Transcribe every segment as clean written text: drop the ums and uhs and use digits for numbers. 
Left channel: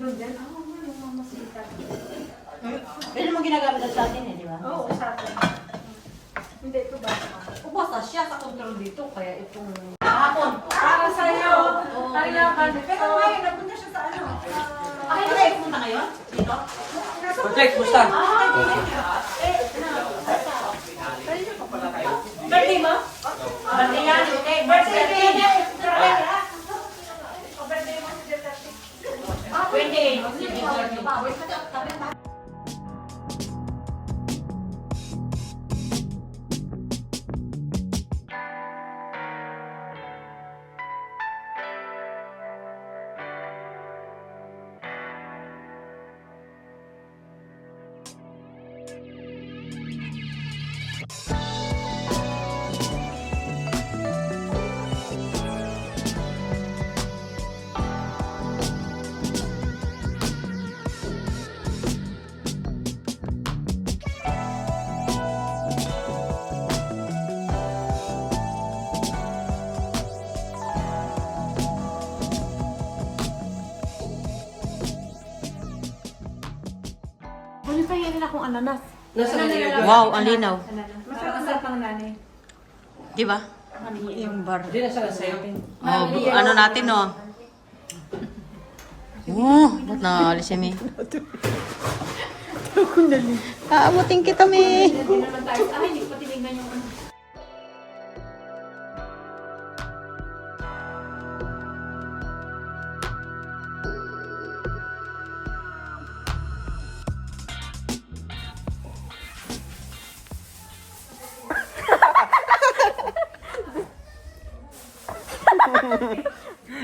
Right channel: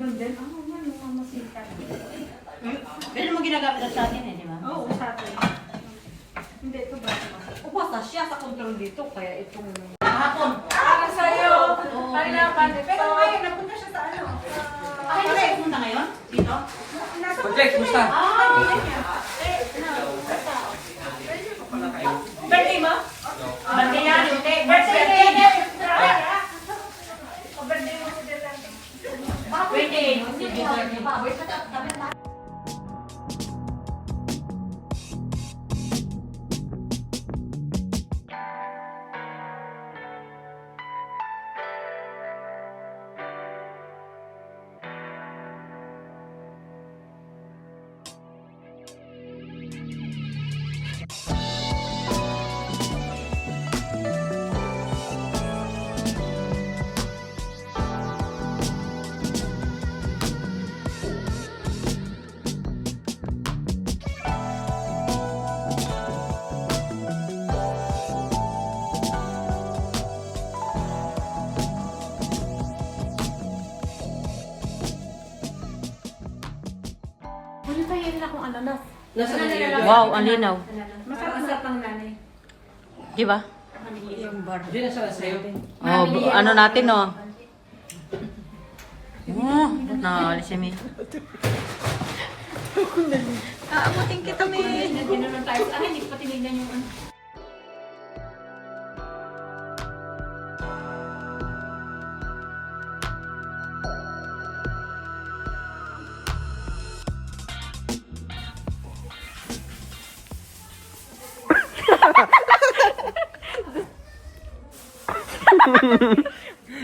Doon din? Yung mga sita. Pero naman ginagamit sa atin eh, di ba? Oo, sa atin. Hindi, ito ba? Ubasa siya sa control dito, kaya itong... Hapon. Para sa'yo. Palaban. Pero ngayon, napunta siya sa ano? Ay, hindi kayo pumunta ngayon? Dito? Project, musta? Birthday mo? Birthday yan. Birthday yan. Birthday mo si Duterte. Ano tayo nila kung ananas? Nasa nanay. Wow, ang linaw. Masarap ang nanay. Di ba? Hindi na siya sa'yo. Oh, ano natin, no? Oh, ba't naalis si Mi? Aabutin kita, Mi. Hindi naman tayo. Ay, hindi ko pa tinignan yung ano.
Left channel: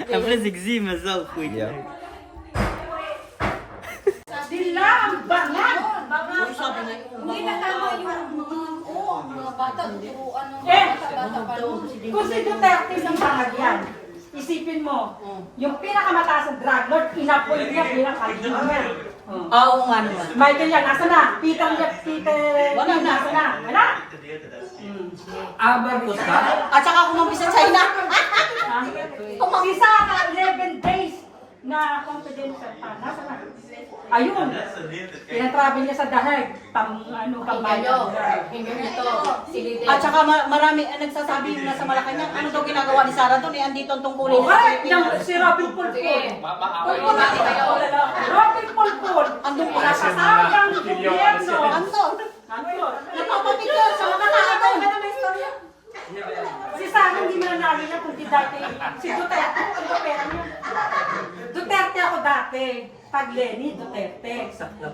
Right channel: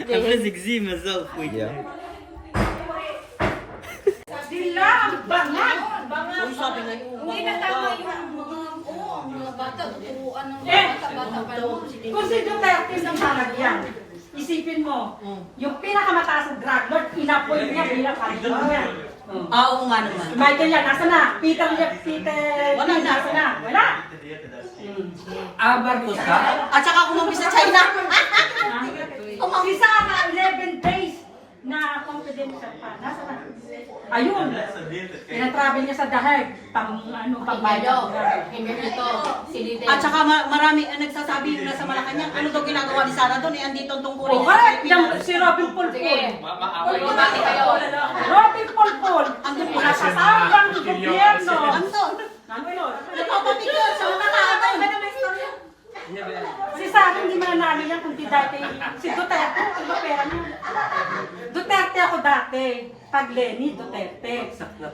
I'm gonna see myself with you. Dilam! Bangan! Hindi na tama yung mga bata. Turuan ng Eh! bata pa lang. Kung si Duterte ng mamagyan, isipin mo, yung pinakamataas na drug lord, inapoint niya bilang kardinal niya. Oo nga naman. Michael yan, nasa na? Peter Wala na. nasa na? Wala? Marcos ka? At saka kumampi sa China. Si Sara, 11 days na confidential pa. Nasa na? Ayun. Pinatravel niya sa Daheg. Pambayad. Hindi ito. Sinide. At saka marami nagsasabi yung nasa Malacanang, ano daw ginagawa ni Sarah doon, eh, andito ang tungkulin Oh, correct. Yung si Robin Pulpul. Robin Pulpul. Andun po Pinasasabang gobyerno. Andun. Napapapicture sa mga tao. Si Sara hindi mananalo niya kung di dahil kay si Duterte. Ano ba pera niya? Duterte ako dati. Pag Lenny, Duterte.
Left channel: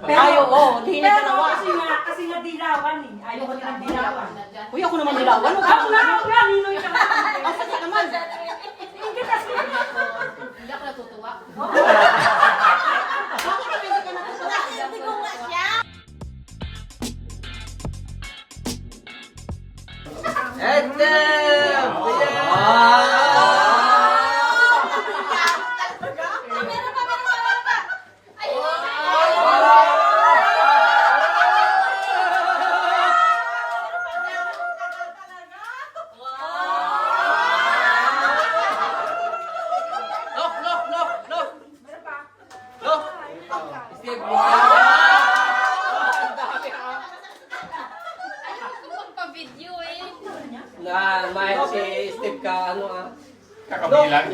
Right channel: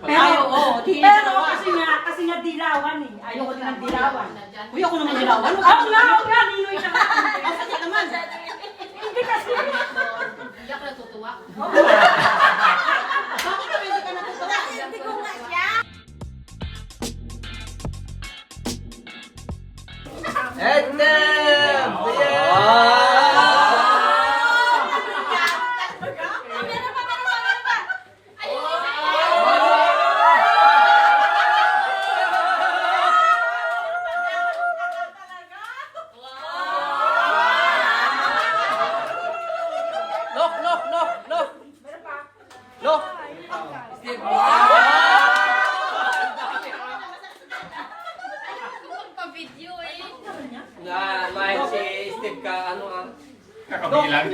Ay, oo, di na pero dalawa. kasi nga dilawan eh. Ayoko din ng dilawan. Uy, ako naman dilawan. Ako nga, Ninoy siya. Ang sakit naman. Hindi kasi. Hindi ako natutuwa. Bakit kami hindi ka natutuwa? Hindi ko nga siya. Look! Look! Pa-video eh. Na, may si Steve ka, ano ah? Kakabilang.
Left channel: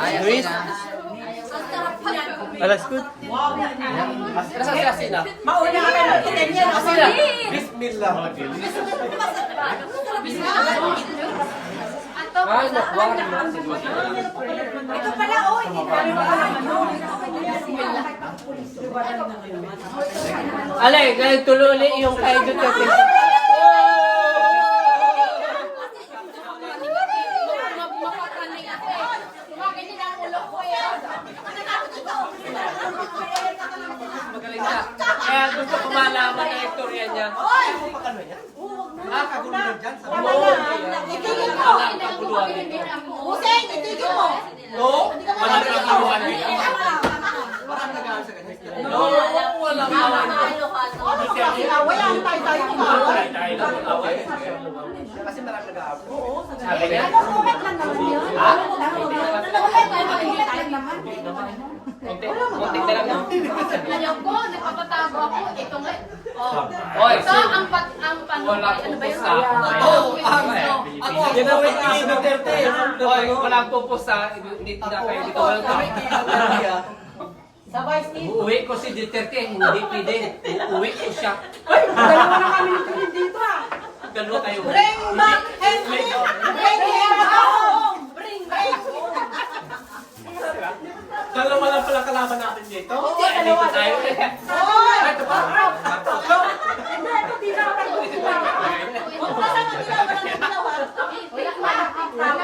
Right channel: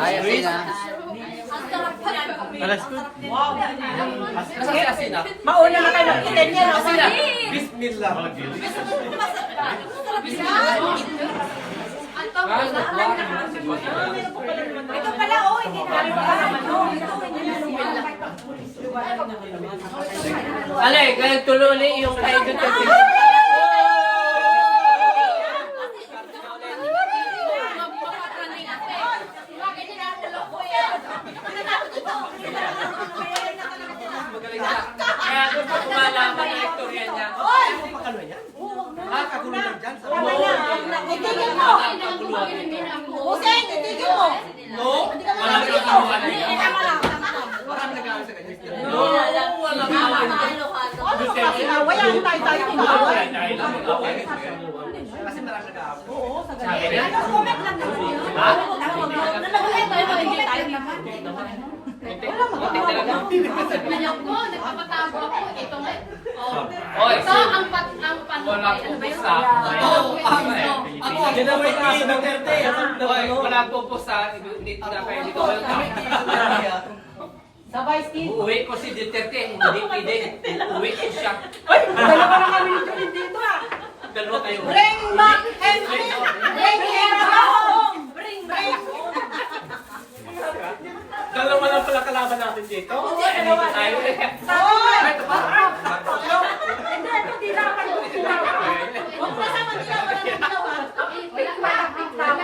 Ayos sila. Alas ko. Nasa si Asina? Mauna ka kayo ng niya. Asina! Bismillah! Ah, nakuha. Ito pala, oh, hindi ka rin Ale, ganun tuloy yung kay Duterte. Magaling siya. Kaya gusto ko malaman ang istorya niya. Nakakagulong dyan. Itigil mo. Hussein, itigil mo. No? Manalo ang kabuhan niya. Parang nag-aaral sa kanya. Walang away. Kasi marami nag-aaral. Oo, sa ganun. Sabi niya? Ano, comment lang naman yun. Ha? Anak ko, nagpapatago ako. Ito nga. Oy, So, ang walang ano ba pupus yun? Oy, walang pupus dito na kayo dito. Welcome. Sa Vice Team. Uuwi ko si Duterte, hindi pwede. Uuwi ko siya. Dalawa na kami yung dito ah. Dalawa kayo. Bring back and bring him home! Bring home! Dalawa lang pala kalaban natin dito. Oo, dalawa. Tayo. Ito pa. Hindi, ito di na ako. Huwag na sa magdilaw, wala na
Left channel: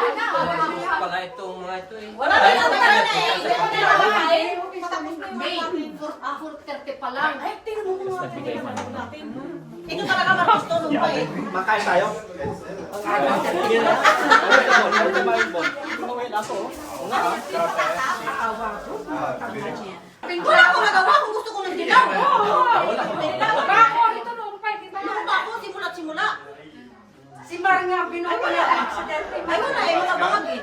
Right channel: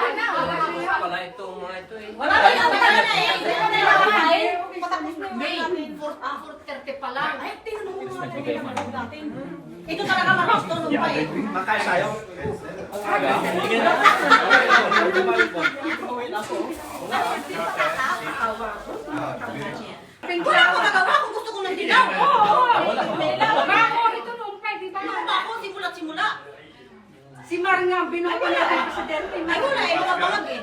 ginawa. Pala itong mga ito eh. Wala na yung wala na eh. May, 4:30 pa lang. Ay, tingnan mo mga kailangan natin. Ito talaga magusto nung bay. Makain tayo. Wala akong nagawa kung gusto ko ng dilaw. Ano pa ako, simula-simula. Si Mar nga binuko niya ng presidente. Ay, wala eh, mga bangag eh.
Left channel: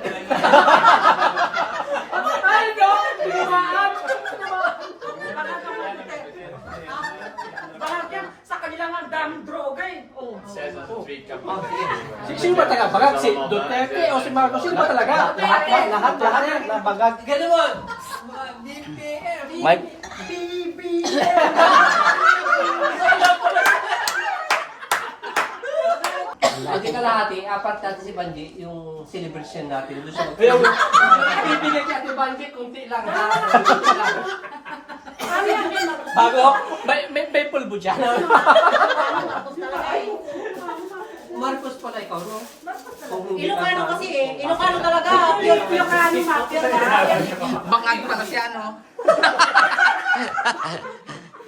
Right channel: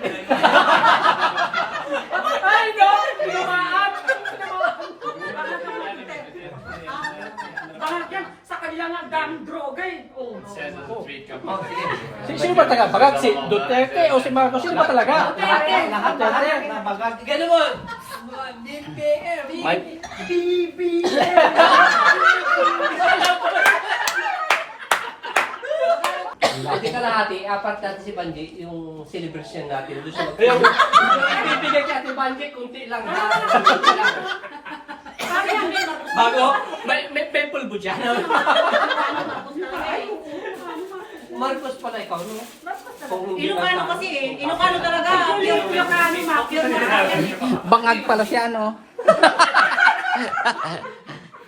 Ay, no! Tinamaan! Bakit yan? Sa kanila nga daming droga eh. Oh. Sino ba talaga? Bagag si Duterte o si Marcos? Sino ba talaga? Lahat yan. Bagag. Ganun mo. May Hindi ka lahati, apat natin si Banji, yung celebration natin. Doon siya Ibibigay ka Ate Banji, kunti lang. Ano yan? Bago, may pulbo dyan. Marcos pala ikaw, no? Kung hindi Ilocano na- kasi eh. Ilocano talaga. Yung ano, mafia na. Bangag pala siya, no?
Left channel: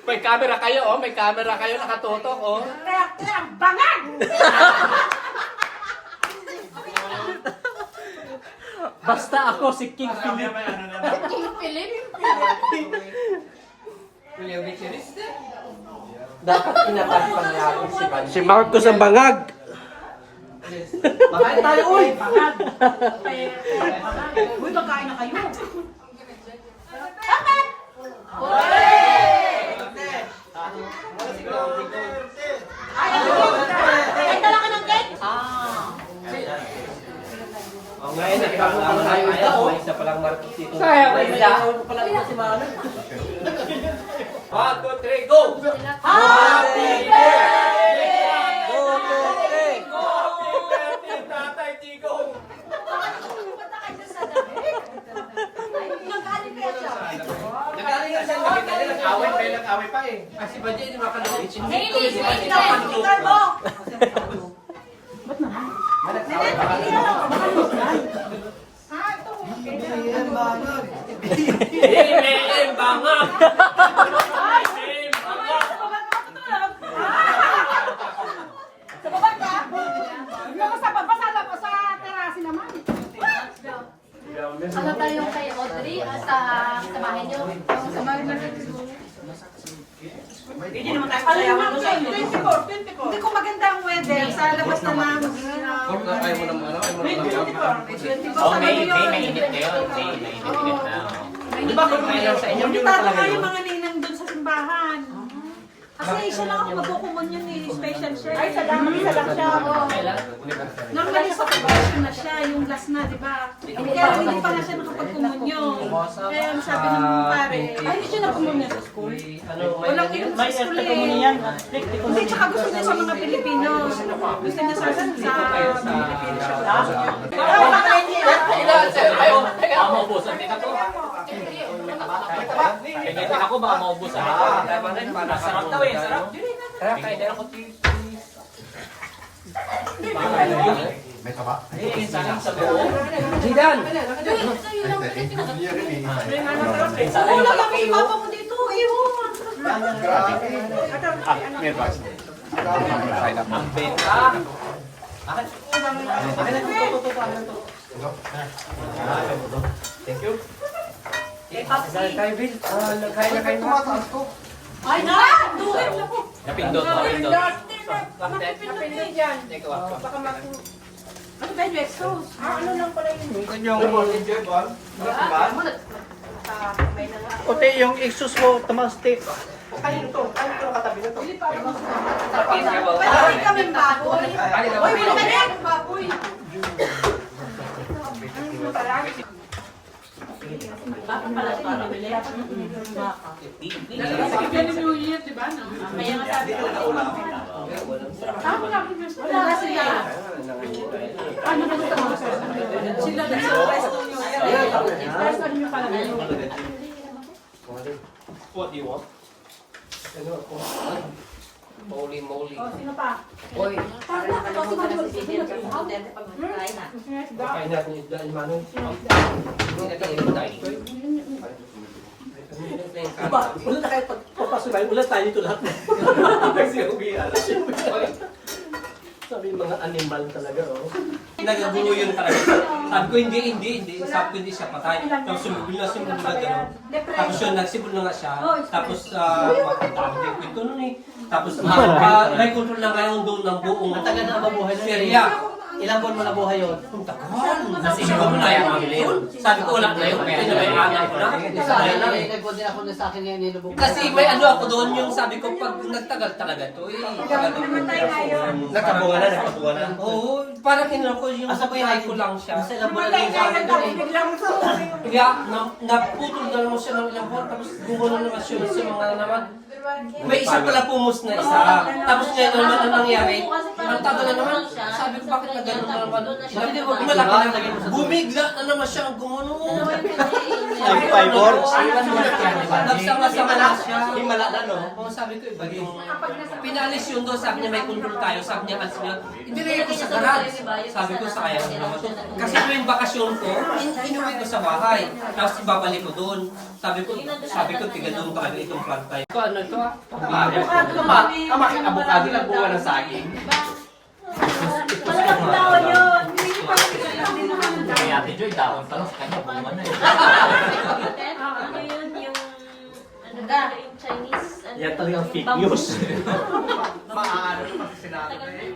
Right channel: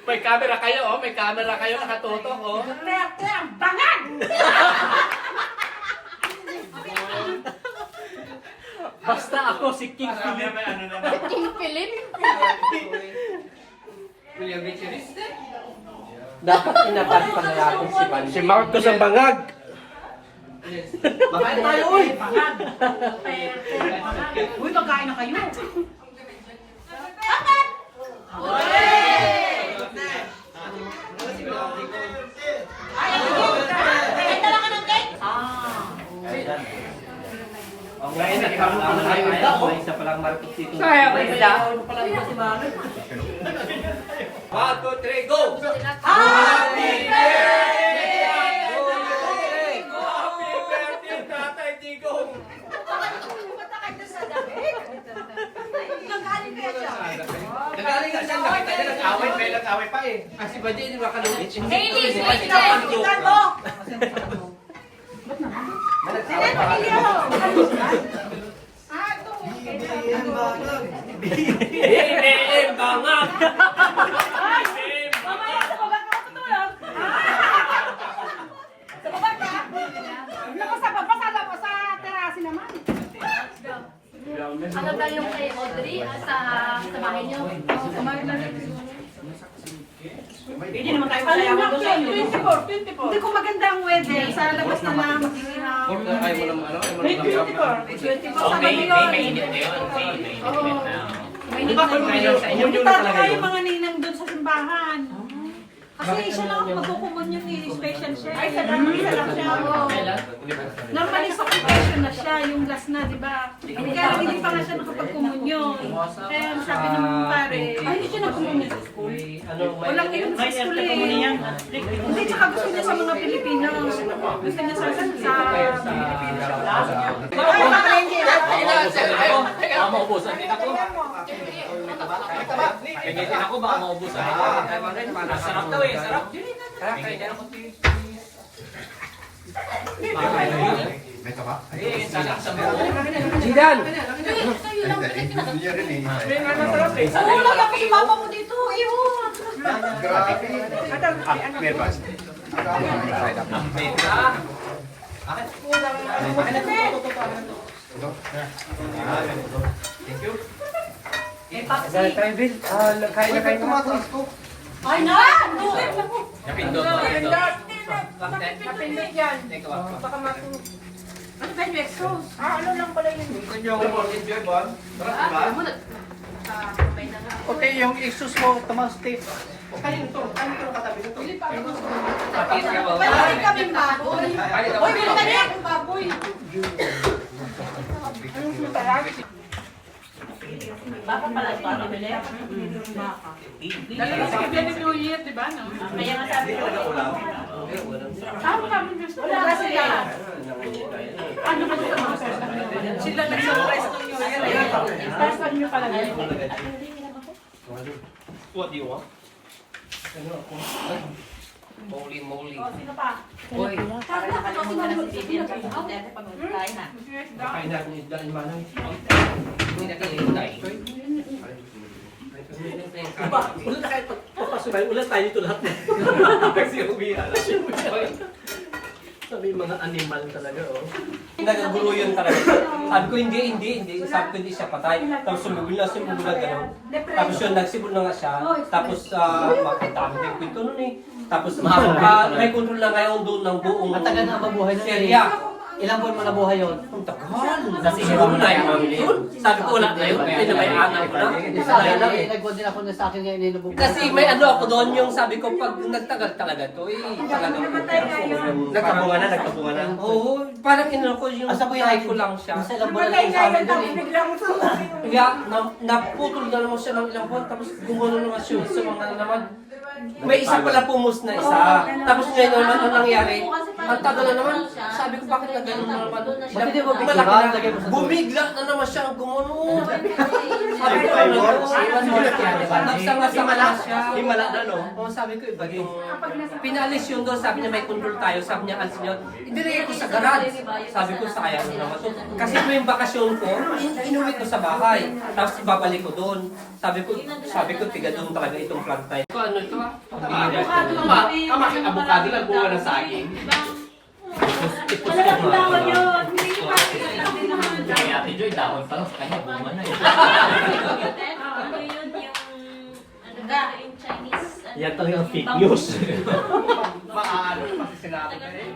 May camera kayo, oh. May camera kayo, nakatutok, oh. Duterte ang bangag! Basta ako si King Philip. Philip. William Richards. Dapat pinapasaya ako si Banji. Si Marcos ang bangag. Makain tayo, uy! Bangag! Uy, magkain na kayo. Kahit na lang ka ng cake. Oh, ngayon, nagkakaroon pa lang tayo. May isa palang Marcos dito. May yaon pa lang ito si Manong. 1, 2, 3, go! Happy birthday! Happy birthday, Tatay Digong! Nagaling nga siya, nakita niya, nag-away pa yung nag-away pa eh. Kasi ba di, makalungit siya. Hey, Si Banji Liz, kapantlo. BBM bangag! BBM bangag! Sa baba ka matutulog? Sa baba ka? Hindi ako sa baba, sa terasi naman. Ano tayo kay Audrey sa bahay niyo? Hindi naman tayo Alam masayaman mo, doon sa inyo. 24. Hindi ko maganda ang weather. Sa labas naman. Ayaw mo ng ano? Ayaw mo May ng 24. Sa Manila. mainit kayo. Mainit na. Di ba kung hindi talaga yung mga ninang doon sa simbahan. Kasi siya lang ang magkukumunyon eh, special siya. Ay, isa lang siya. Normally sa confession na siya, yung last na, di ba? Kaya hindi pa nga siya nakapagkumunyon. Kaya ang sabi ng pare, ay hindi siya nagkumunyon sa school. Walang iyon sa school eh. Hindi, tsaka gusto niya sa mga Pilipino. Gusto niya sa Pilipino siya. Ay, makalenji. Ayaw, baka maubusan din ako. Pingitin ako, baka maubusan ako. Sarap daw eh, sarap. Tara, kain na ako. May taba? Saling sa buo. Jidan! Oo, lang yung papa mo dito. Iwan. Side up. Kaya tayo, Bill. Kaya na kayo na. Ay na! Napindot. Napindot yan. Baka matu... Ano ba yung exhaust? Ano lang pala yun? Puti yung exhaust mo, tumastik. Pwede kaming baboy. Uy, bilhin ka niya! Baboy. Bakit pala ito nabili? Baka. Dala sa New Year, di ba? Kaya nga sabi ko. Tama kami gusto. Wala sila. Ano ba ito? Sila nag-surprise ng New Year. Surprise nyo pala na yun. What do you want? Ano ako? Moli. Sino pa? Oy. Para nakalimutan na si Bibi at Duterte pag magkain na. Kain na ni Daan Manong. Hindi na kami tayo. Ulan na kayo papasok tayo. Ulan tayo dito lahat. Kasi ubi. Sabi yung mga animal talaga. Oh. Nagagulo yun talaga. Sabi ko hindi. Sabi ko hindi siya patay. Tapos sumubili na gano'n. Tapos yun, nagsimul na nga siya. Tapos makatami yung pinto nun eh. Tapos mahaba, may control na ngayon doon ng buong Ang tagal na mabuhay na area. Ilang buwan mo na buhay yun? Ang tagal. Kasi siguro na yun. Sabi ko wala na yun. Kaya may alam ko na. Sayang lang eh. Nag-good din ako na sa akin na inilubog. Kasi may ano ako doon yung sabi ko pag nagtagal talaga to eh. Talagang Nagkabunga na. Oo, parang inalo ko yung Asa po yung try ko lang siya. Mas ilang buwan na sa amin doon eh. Kaya naputol na naman siya ng ilang buwan tapos gumulong naman siya sa mga naman. May isa pala pumus na isa. Tapos ngayon naman ang nangyari, ang tagal na naman. Sabi ko bakit na gano'n na naman. Ba't hindi mo Malaki na. lagay mo sa Bumigla na naman siya ang gumulong. Sabi ko Five ano more? to? Nagsama-sama na siya. Himala na no? Oo, sabi ko iba yung pinalis yun doon, sabi niya may control tayo, sabi niya alis niya, hindi ko sa garage. Sabi ko sayang naman to. Kasi tuwing bakasyon ko, inuwi ko sa bahay, tapos ibabalik ko doon. Sabi ko tiga doon talaga itong plant tayo. Ito ano ito ah? Abukado lang buwan ng saging. Malaking lawa yun. Kay Ate Joy, dahon pa lang sa kanya, buwan na eh. Ano yun yung... Ano ba yung Chinese... Yan talagang fake news. Maano kasi sinabi ko eh.